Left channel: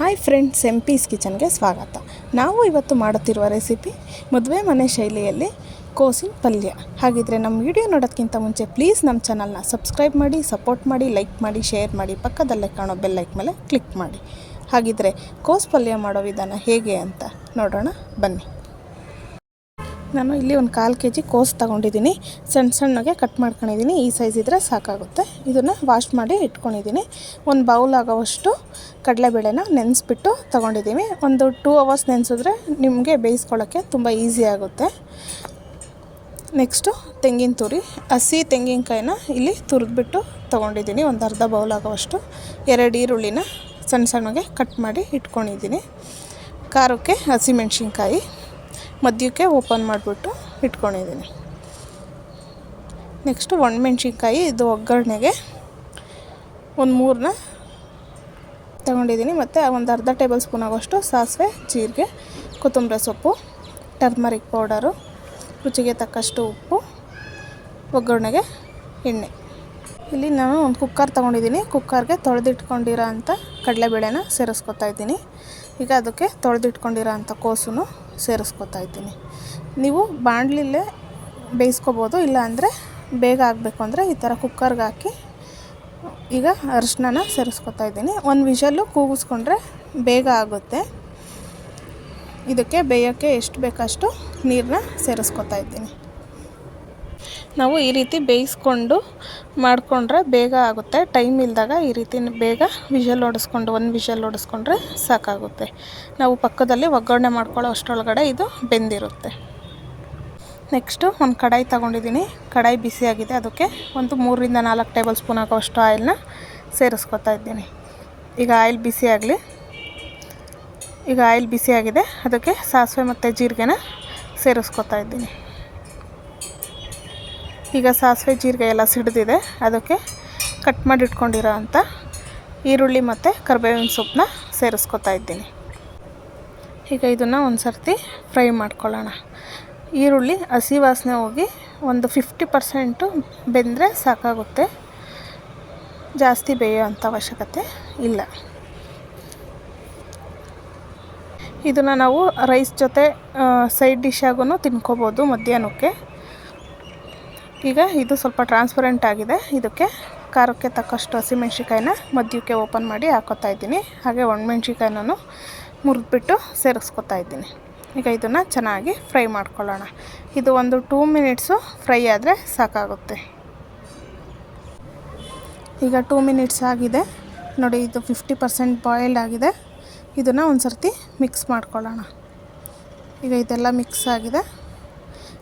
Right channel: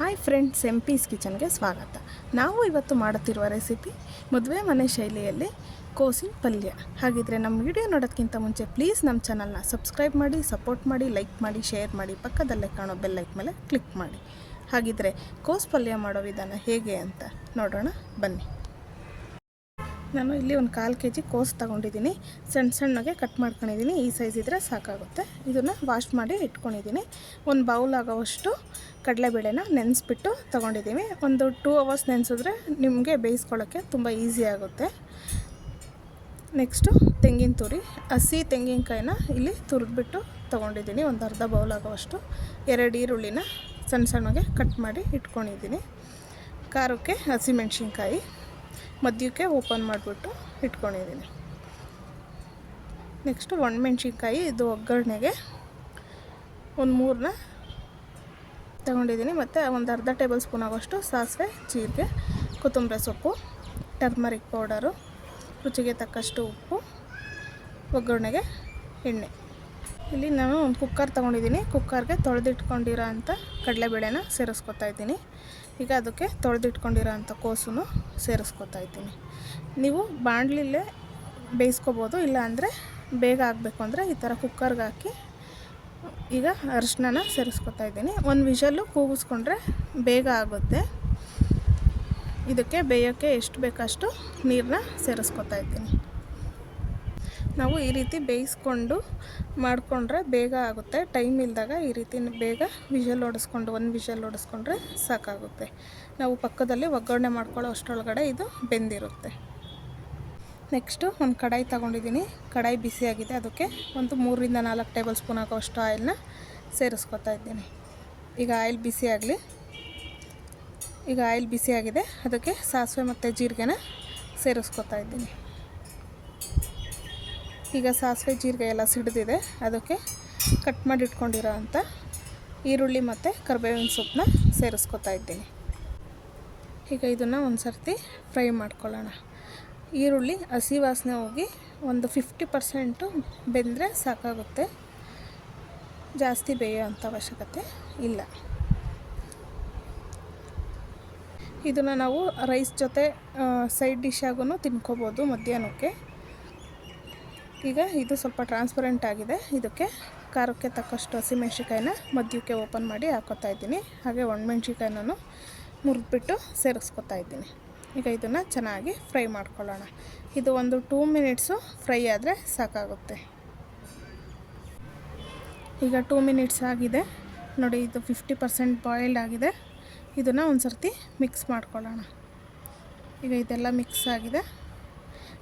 Hi friends, piece ಕಿಚನ್ಗೆ ಸ್ವಾಗತ. ನಾವು ಇವತ್ತು ಮಾಡುತ್ತಿರುವ ರೆಸಿಪಿ ಮದುವೆ ಮನೆ ಶೈಲಿಯಲ್ಲಿ ಕೋಸಿನ ಪಲ್ಯ. ಹಾಗಿದ್ರೆ ನಮ್ಮ ವಿಡಿಯೋ ನೋಡೋದಕ್ಕಿಂತ ಮುಂಚೆ ಪ್ಲೀಸ್ ನಮ್ಮ ಚಾನಲ್ನ ಸಬ್ಸ್ಕ್ರೈಬ್ ಮಾಡಿ, ಸಪೋರ್ಟ್ ಮಾಡಿ, ಲೈಕ್ ಮಾಡಿ, ಶೇರ್ ಮಾಡಿ, ಪಕ್ಕದಲ್ಲೇ ಕಾಣೋ ಬೆಲ್ ಲೈಕ್ ಮೇಲೆ ಕ್ಲಿಕ್ ಮಾಡಿ. ಹಾಗಿದ್ರೆ ಕೋಸು ಪಲ್ಯ ಮಾಡೋ ವಿಧಾನ ಹೇಗೆ ಅಂತ ನೋಡೋಣ ಬನ್ನಿ. ನಾನು ಇಲ್ಲಿ ಒಂದು 1/4 kg ಕೋಸು ತೊಗೊಂಡಿದ್ದೀನಿ. ಸಣ್ಣಗೆ ಕಟ್ ಮಾಡ್ಕೊಂಡಿದ್ದೀನಿ. ಈ ಸೈಜ್ ಇದ್ದರೆ ಸಾಕಾಗುತ್ತೆ. ಇದನ್ನು ವಾಶ್ ಮಾಡಿ ಇಟ್ಕೊಂಡಿದ್ದೀನಿ. ಒಂದು ಬೌಲ್ ಆಗೋವಷ್ಟು ಕಡಲೆಬೇಳೆನ ನೆನೆಸ್ಬಿಟ್ಟು ತೊಗೊಂಡಿದ್ದೀವಿ. ಒಂದು 2 hours ನೆನೆಸಿದ್ರೆ ನಿಮಗೆ ಬೇಯಿಸ್ಕೊಳ್ಳೋಕ್ಕೆ ತುಂಬ ಈಸಿ ಆಗುತ್ತೆ. ನೆಕ್ಸ್ಟು ತೆಂಗಿನ ತುರಿ, ಹಸಿ ತೆಂಗಿನಕಾಯಿನ ಇಲ್ಲಿ ತುರಿದ್ಬಿಟ್ಟು ತೊಗೊಂಡಿದ್ದೀನಿ. ಒಂದು ಅರ್ಧ ಬೌಲ್ ಆಗೋವಷ್ಟು. 2 ಈರುಳ್ಳಿನ ಸಣ್ಣಗೆ ಕಟ್ ಮಾಡಿ ಇಟ್ಕೊಂಡಿದ್ದೀನಿ. ಖಾರಕ್ಕೆ ಹಸಿಮೆಣ್ಸಿನ್ಕಾಯಿ ಮಧ್ಯಕ್ಕೆ ಓಪನ್ ಮಾಡಿಬಿಟ್ಟು ಇಟ್ಕೊಂಡಿದ್ದೀನಿ. ನೆಕ್ಸ್ಟು ಒಣಮೆಣ್ಸಿನ್ಕಾಯಿ, ಇದು ಒಗ್ಗರಣೆಗೆ ಒಂದು 3ನ ತಗೊಂಡಿದ್ದೀನಿ. ಮತ್ತು ಒಂದು ಅರ್ಧ ಟೇಬಲ್ ಸ್ಪೂನ್ ಆಗೋಷ್ಟು ಸಾಸಿವೆ, ಜೀರಿಗೆ, ಕೊತ್ತಂಬರಿ ಸೊಪ್ಪು, ಟರ್ಮರಿಕ್ ಪೌಡರು, ರುಚಿಗೆ ತಕ್ಕಷ್ಟು ಉಪ್ಪು, ಒಗ್ಗರಣೆಗೆ ಎಣ್ಣೆ. ಇಲ್ಲಿ ನಾನು ಒಂದು ಕುಕ್ಕರ್ ತೊಗೊಂಡಿದ್ದೀನಿ. ಕುಕ್ಕರ್ಗೆ ತೊಳೆದಿಟ್ಕೊಂಡಿರೋ ಅಂಥ ಕಡಲೆಬೇಳೆನ ಸೇರಿಸ್ಕೊತಾ ಇದ್ದೀನಿ. ಈಗ ಅದಕ್ಕೆ ತೊಳೆದಿಟ್ಕೊಂಡಿರೋ ಅಂಥ ಕೋಸನ್ನು ಸೇರಿಸ್ಕೊತಾ ಇದ್ದೀನಿ. ನೀವು ಬಾಣಲಿಲೇ ಬೇಯಿಸ್ಕೊಬೋದು, ಇಲ್ಲ ಅಂದರೆ ಬೇಗ ಆಗಬೇಕು ಅಂದರೆ ಈ ಥರ ಕುಕ್ಕರ್ಗೆ ಹಾಕಿ ಈಗ ಅರಿಶಿನ ಸೇರಿಸ್ಕೊತಾ ಇದ್ದೀನಿ. ಒಂದು ವಿಷಲ್ಲು ಕೂಗಿಸ್ಕೊಂಡ್ರೆ ಬೇಗ ಆಗುತ್ತೆ. ಇದಕ್ಕೆ ಬೇಯೋಕ್ಕೆ ಎಷ್ಟು ಬೇಕಷ್ಟು ನೀರನ್ನ ಸೇರಿಸ್ಕೊತಾ ಇದ್ದೀನಿ. ನಾವು ಈ ರೀತಿ ಬೇಯಿಸ್ಕೊಂಡು ಮಾಡಿಕೊಂಡ್ರೆ ಬೇಗ ಆಗುತ್ತೆ. ಟೈಮ್ ಇಲ್ಲದಾಗ ಈ ರೀತಿ ಬೇಗ ವಿಷಲ್ ಹೊಡೆಸ್ಕೊಂಡು ಒಂದು ವಿಷಲ್ ಹೊಡೆಸ್ಕೊಂಡ್ರೆ ಸಾಕಾಗುತ್ತೆ. ನಾವು ಪಕ್ಕದಲ್ಲಿ ಒಗ್ಗರಣೆ ಮಾಡ್ಕೊಳ್ಳೋ ಅಷ್ಟರೊಳಗಡೆ ಇದು ಬೆಂದಿರುತ್ತೆ. ನೆಕ್ಸ್ಟು ಒಂದು ಕಡಾಯಿ ತೊಗೊಂಡಿದ್ದೀನಿ. ಕಡಾಯಿ ಬಿಸಿಯಾಗಿದೆ. ಅದಕ್ಕೆ ಒಂದು 3ರಿಂದ 4 ಟೇಬಲ್ ಸ್ಪೂನ್ ಆಗೋಷ್ಟು ಆಯಿಲ್ನ ಸೇರಿಸ್ಕೊತಾ ಇದ್ದೀನಿ. ಈಗ ಆಯಿಲ್ ಬಿಸಿಯಾಗಲಿ. ಈಗ ಆಯಿಲ್ ಬಿಸಿಯಾಗಿದೆ. ಅದಕ್ಕೆ ಸಾಸಿವೆ ಮತ್ತು ಜೀರಿಗೆನ ಸೇರಿಸ್ಕೊತಾ ಇದ್ದೀನಿ. ಈಗ ಸಾಸಿವೆ ಜೀರಿಗೆ ಎಲ್ಲ ಸಿಡಿದಿದೆ. ಅದಕ್ಕೆ ಕಟ್ ಮಾಡಿ ಇಟ್ಕೊಂಡಿರೋ ಅಂಥ ಈರುಳ್ಳಿ ಮತ್ತು ಕರಿಬೇವಿನ ಸೊಪ್ಪನ್ನ ಸೇರಿಸ್ಕೊತಾ ಇದ್ದೀನಿ. ಈಗ ಇದನ್ನು ಒಂದು ಸರ್ತಿ ಫ್ರೈ ಮಾಡ್ಕೊಳ್ಳೋಣ. ಈರುಳ್ಳಿ ಹಸಿ ವಾಸನೆ ಹೋಗಿ ಒಂದು 50% ಬೆಂದರೆ ಸಾಕಾಗುತ್ತೆ. ಜಾಸ್ತಿ ಬೇಯೋ ಅಂಥ ಅವಶ್ಯಕತೆ ಇಲ್ಲ. ಇದನ್ನು ನಾವು ರೈಸ್ ಜೊತೆ ಸೈಡ್ ಡಿಶ್ ಆಗೂ ತಿನ್ಕೋಬೋದು ಮಧ್ಯಾಹ್ನಕ್ಕೆ. ಈಗ ಇದು ಸ್ವಲ್ಪ ಟ್ರಾನ್ಸ್ಪರೆಂಟ್ ಆಗಿದೆ. ಇದಕ್ಕೆ ಖಾರಕ್ಕೆ ತಕ್ಕಷ್ಟು ಹಸಿಮೆಣ್ಸಿಕಾಯಿನ ಮಧ್ಯಕ್ಕೆ ಓಪನ್ ಮಾಡಿ ಹಾಕೋತಾ ಇದ್ದೀನಿ. ಹಾಗೆ ಒಣಮೆಣ್ಸಿಕಾಯಿನೂ ಮುರಿದ್ಬಿಟ್ಟು ಸೇರಿಸ್ಕೊತಾ ಇದ್ದೀನಿ. ಈಗ ಇದನ್ನು ಚೆನ್ನಾಗಿ ಫ್ರೈ ಮಾಡ್ಕೊಳ್ಳೋಣ. ಇದು ಒಂದು 2 ಮಿನಿಟ್ಸು ಫ್ರೈ ಆದರೆ ಸಾಕಾಗುತ್ತೆ. ಈಗ 2 ಮಿನಿಟ್ಸ್ ಆಗಿದೆ ನೋಡಿ. ಇದು 50% ಬಾಯ್ಲ್ಡ್ ಆಗಿದೆ. ಇದನ್ನು ಒಂದು ಸರ್ತಿ ಮಿಕ್ಸ್ ಮಾಡ್ಕೊಳ್ಳೋಣ. ಈಗ ಇದೆಲ್ಲ ಮಿಕ್ಸ್ ಆಗಿದೆ.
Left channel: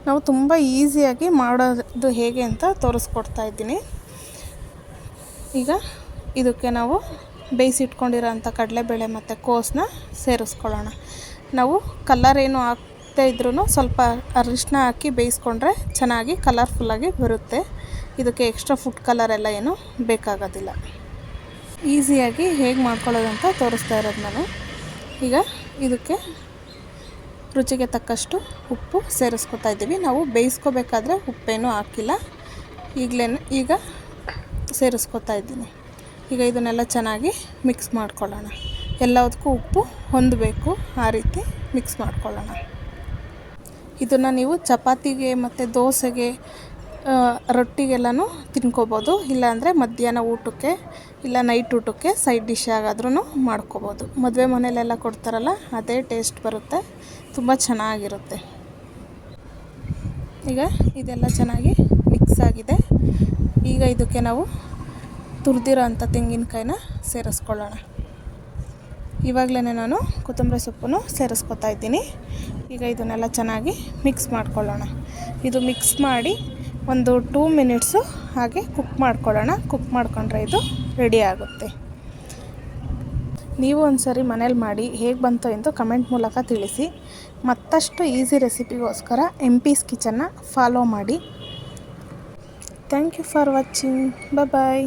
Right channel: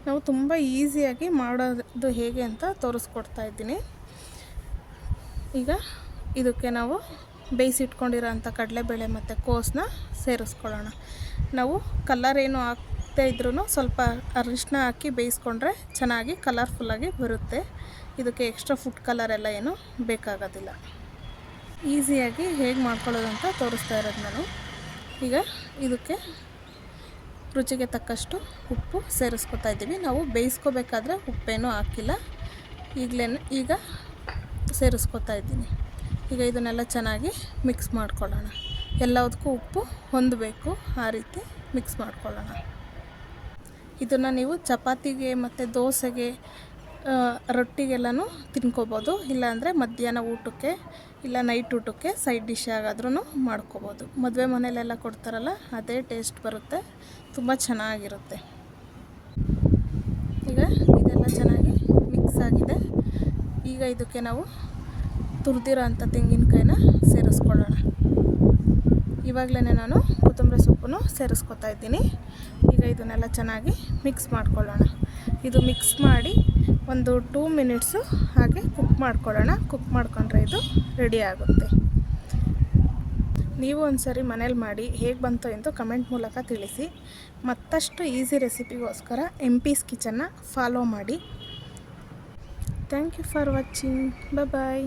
ನಾವು ತುಂಬ ಈಸಿಯಾಗಿ ಮಾಡೋದು ಹೇಗೆ ಅಂತ ತೋರಿಸ್ಕೊಡ್ತಾ ಇದ್ದೀನಿ. ಈಗ ಇದಕ್ಕೆ ನಾವು ಬೇಯಿಸಿಟ್ಕೊಂಡಿರೋ ಅಂಥ ಕಡಲೆಬೇಳೆ ಮತ್ತು ಕೋಸನ್ನ ಸೇರಿಸ್ಕೊಳ್ಳೋಣ. ನಾವು ಕಲರ್ ಏನು ಹಾಕ್ತಾ ಇದ್ರೂ ಸ್ವಲ್ಪ ಅರಿಶಿನ ಹಾಕಿ ಬೇಯಿಸ್ಕೊಂಡ್ರೆ ಚೆನ್ನಾಗಿ ಕಲರ್ಫುಲ್ಲಾಗಿ ಬರುತ್ತೆ. ಇದಕ್ಕೆ ಎಕ್ಸ್ಟ್ರಾ ಫುಡ್ ಕಲರ್ ಎಲ್ಲ ಏನೂ ಬೇಕಾಗೋದಿಲ್ಲ. ಈಸಿಯಾಗಿ ಹೇಗೆ ಮಾಡ್ಕೊಳ್ಳೋದಂತ ತೋರಿಸ್ತಾ ಇರೋದು ನಾನು. ಈಗ ಇದಕ್ಕೆ ರುಚಿಗೆ ತಕ್ಕಷ್ಟು ಉಪ್ಪು ಸೇರಿಸ್ಕೊತಾ ಇದ್ದೀವಿ. ನಾವು ಬೇಯಿಸ್ಕೋಬೇಕಾದ್ರೆ ಉಪ್ಪೇನೂ ಹಾಕಿಲ್ಲ. ಈಗ ಸೇರಿಸ್ಕೊತಾ ಇದ್ದೀನಿ. ಈಗ ಇದನ್ನೆಲ್ಲ ಚೆನ್ನಾಗಿ ಮಿಕ್ಸ್ ಮಾಡ್ಕೊಳ್ಳೋಣ. ಎಲ್ಲದಕ್ಕೂ ಉಪ್ಪು ಹೊಂದಬೇಕು, ಆ ರೀತಿ ಮಿಕ್ಸ್ ಮಾಡ್ಕೊಳ್ಳೋಣ. ಇದನ್ನು ನೀವು ಚಪಾತಿಗೆ ಮತ್ತು ದೋಸೆಗೆ, ರೊಟ್ಟಿಗೆಲ್ಲನೂ ತಿನ್ಕೋಬೋದು. ಇಲ್ಲಾಂದರೆ ಮಧ್ಯಾಹ್ನ ಊಟಕ್ಕೆ ಇಲ್ಲ ನೈಟ್ ಊಟಕ್ಕೆ ಸೈಡ್ ಡಿಶ್ ಆಗಾದ್ರೂ ಮಾಡ್ಕೋಬೋದು. ಮದುವೆ ಮನೆಯಲ್ಲೆಲ್ಲ ಕೊಡ್ತಾರಲ್ಲ, ಅದೇ ಟೇಸ್ಟ್ ಬರುತ್ತೆ. ತುಂಬ ಚೆನ್ನಾಗಿರುತ್ತೆ. ಈಗ ಇದೆಲ್ಲ ಚೆನ್ನಾಗಿ ಮಿಕ್ಸ್ ಆಗಿದೆ. ಈಗ ಇದಕ್ಕೆ ನಾವು ತುರಿದಿರೋ ಅಂಥ ತೆಂಗಿನಕಾಯಿನ ಸೇರಿಸ್ಕೊಳ್ಳೋಣ. ಇವಾಗಲೇ ನಾನು ಕೊತ್ತಂಬರಿ ಸೊಪ್ಪನ್ನು ಸೇರಿಸ್ಕೊತಾ ಇದ್ದೀನಿ. ಈಗ ಇದನ್ನೆಲ್ಲ ಚೆನ್ನಾಗಿ ಮಿಕ್ಸ್ ಮಾಡ್ಕೊಳ್ಳೋಣ. ಇದು ಮಿಕ್ಸ್ ಮಾಡಿ ಒಂದು 2 ಮಿನಿಟ್ಸು ಹಾಗೆ ಕುಕ್ ಮಾಡ್ಕೊಳ್ಳೋಣ. ಕುಕ್ ಮಾಡಿಕೊಂಡ್ರೆ ಇದು ರೆಡಿ ಆಗುತ್ತೆ. ನೀವು ಒಂದು ಸರಿ ಮನೇಲಿ ಮಾಡಿ ಹೇಗೆ ಬಂತು ಎಂದು ಕಮೆಂಟ್ ಮೂಲಕ ತಿಳಿಸಿ. ಮತ್ತಷ್ಟು ಈಸಿ ರೆಸಿಪಿಗೋಸ್ಕರ ಪೀಸ್ ಕಿಚನ್ನ ಫಾಲೋ ಮಾಡಿ. Thank you for watching. Bye.